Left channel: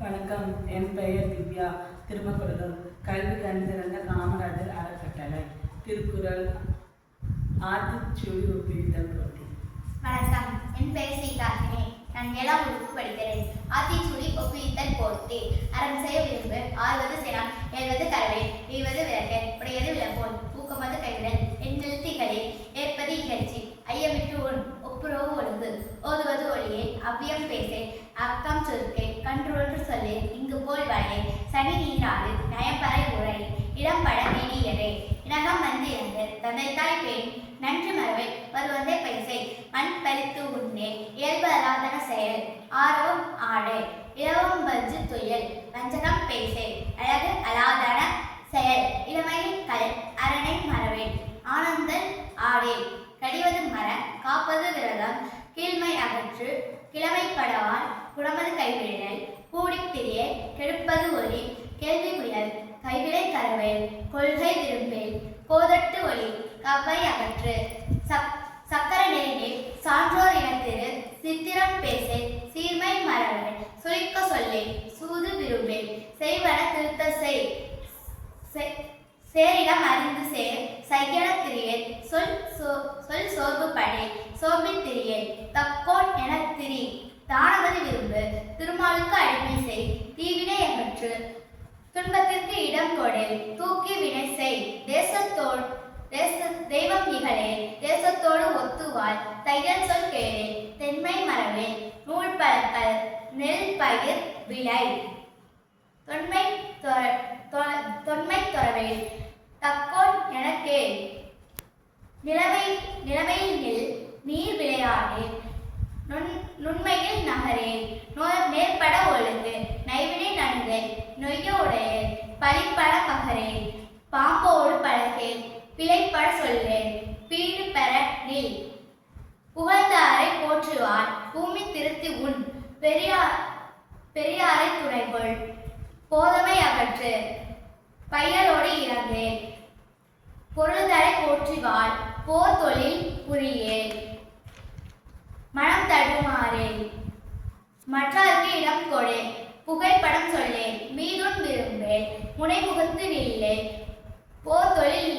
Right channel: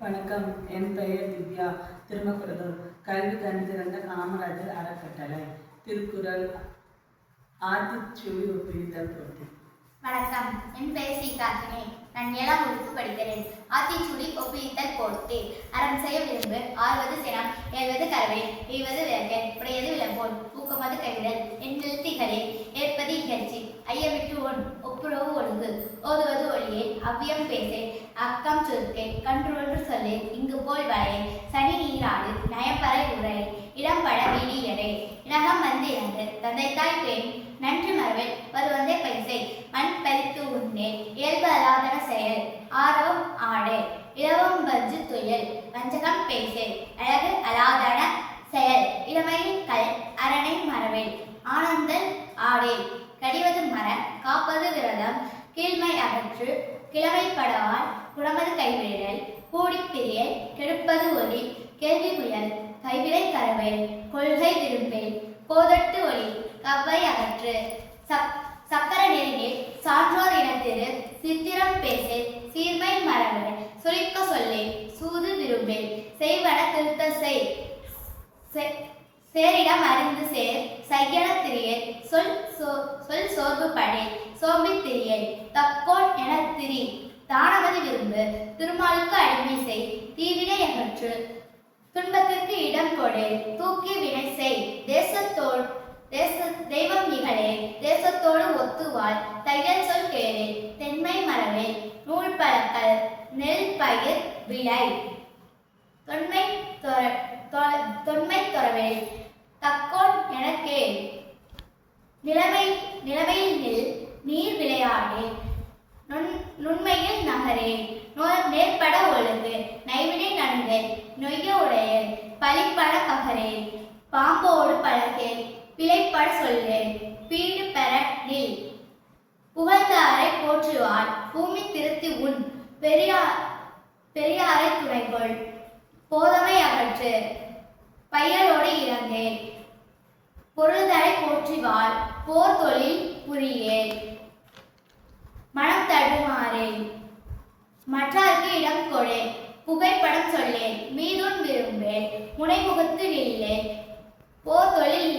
வணக்கம். என் பெயர் திவ்யா. திருமக்குறள் கல்வி கண்டிருந்த காமராஜர் அறக்கட்டளை. திருக்குறள் ஆத்திச்சூடி ஒப்புவித்தல் போட்டி. வணக்கம். என் பெயர் ஸ்ரீகாந்தினி. நான் 7ஆம் வகுப்பு படிக்கிறேன். ஆத்திச்சூடி ஒப்புவித்தல் போட்டி. அறம் செய்ய விரும்பு, ஆறுவது சினம், ஏழ்வது கரவை, எய்வது விளக்கன், உடையது விளம்போன், ஊக்கமது கைவிடல், எண்ணெழுத்திகளே, ஏற்பது இகழ்ச்சி, ஐயமிட்டு ஒன், ஒப்புரவு ஒழுங்கு, ஓதுவது ஒளியே, அவ்வியம் பேசே, அக்கம் சுருக்கே, கன்று சொல்லு, இங்கு போல் வரையே, சனி நீராடு, நயப்பறை உரை, இடம்பட வீடியரே, இனகம் வந்து இறந்து, தந்தை தாய் பெண், நன்றி மரவே, வருவந்தே பைசை, மண் பறித்து உண்ணே, இயல்பு அலாதன செயல், ஆர்வம் ஆடே, இலவம் வஞ்சு துயல், வஞ்சகம் பேசே, அழகு அலாதன செயல், இளமையில் கல், அரணை மரவே, ஆனந்தல் ஆடே, கடிவது மர, காப்பது விரதம், கீழ்மை அகற்று, கிழமைப்படவால், குணமது கைவிடல், கூடிப்பிரிய, கெடுப்பது ஒளி, கேள்வி புயல், கைவிடை கரவை, கொள்கை விரும்பேல், கோதட்டு ஒளி, கவ்வை அகற்று, சக்கர நெருங்கில், சான்றோர் இனத்திரு, சித்திரம் பேசே, சீர்மை மரபு, சுழிக்க சொல்லே, சூது விரும்பேல், செய்வன திருத்த செய், சேரிடம் அறிந்து சேர், சையன திரியல், சொல் சோர்வு படே, சோம்பி திரியல், தக்கோன் என திரி, தானமதி விரும்பு, திருமாலுக்கு அடிமை செய், தீவினை அகற்று, துன்பத்திற்கு இடம் கொடே, தூக்கி வினை செய், தெய்வம் இகழே, தேசத்தோடு ஒத்துவாள், தையல் சொல் கேளே, தென்மை மரவே, நூல் பழக்கல், நெல் பயிர் விளை, தொன்மை தொரவே, தக்கோன் என கேள், நிலைமையில் நில், நீர் விளையாடே, நுண்மையில் நகரே, நேர்பட ஒழுங்கு, நைவினை நடுங்கே, நொய்ய உடையல், பழிப்பட பகரே, பாம்போடு பழகே, பிழைப்பட சொல்லே, பீடு பெற நில், புகழ்ந்தாரை போற்றுவாள், பூமி திருத்தி உன், பெரியாரை துணைகொள், போதமை அகற்று, பையலோடு இறந்தே, பொருள்தரை போற்றிவாள், போர் தொழில் புரியே, மனம் தடுமாறே, மற்றாருக்கு இடம் கொடே, புகைப்படம் சொல்லே, மீதுன் விரும்பே, முனைமுகத்து நில்லே, போர் தொழில்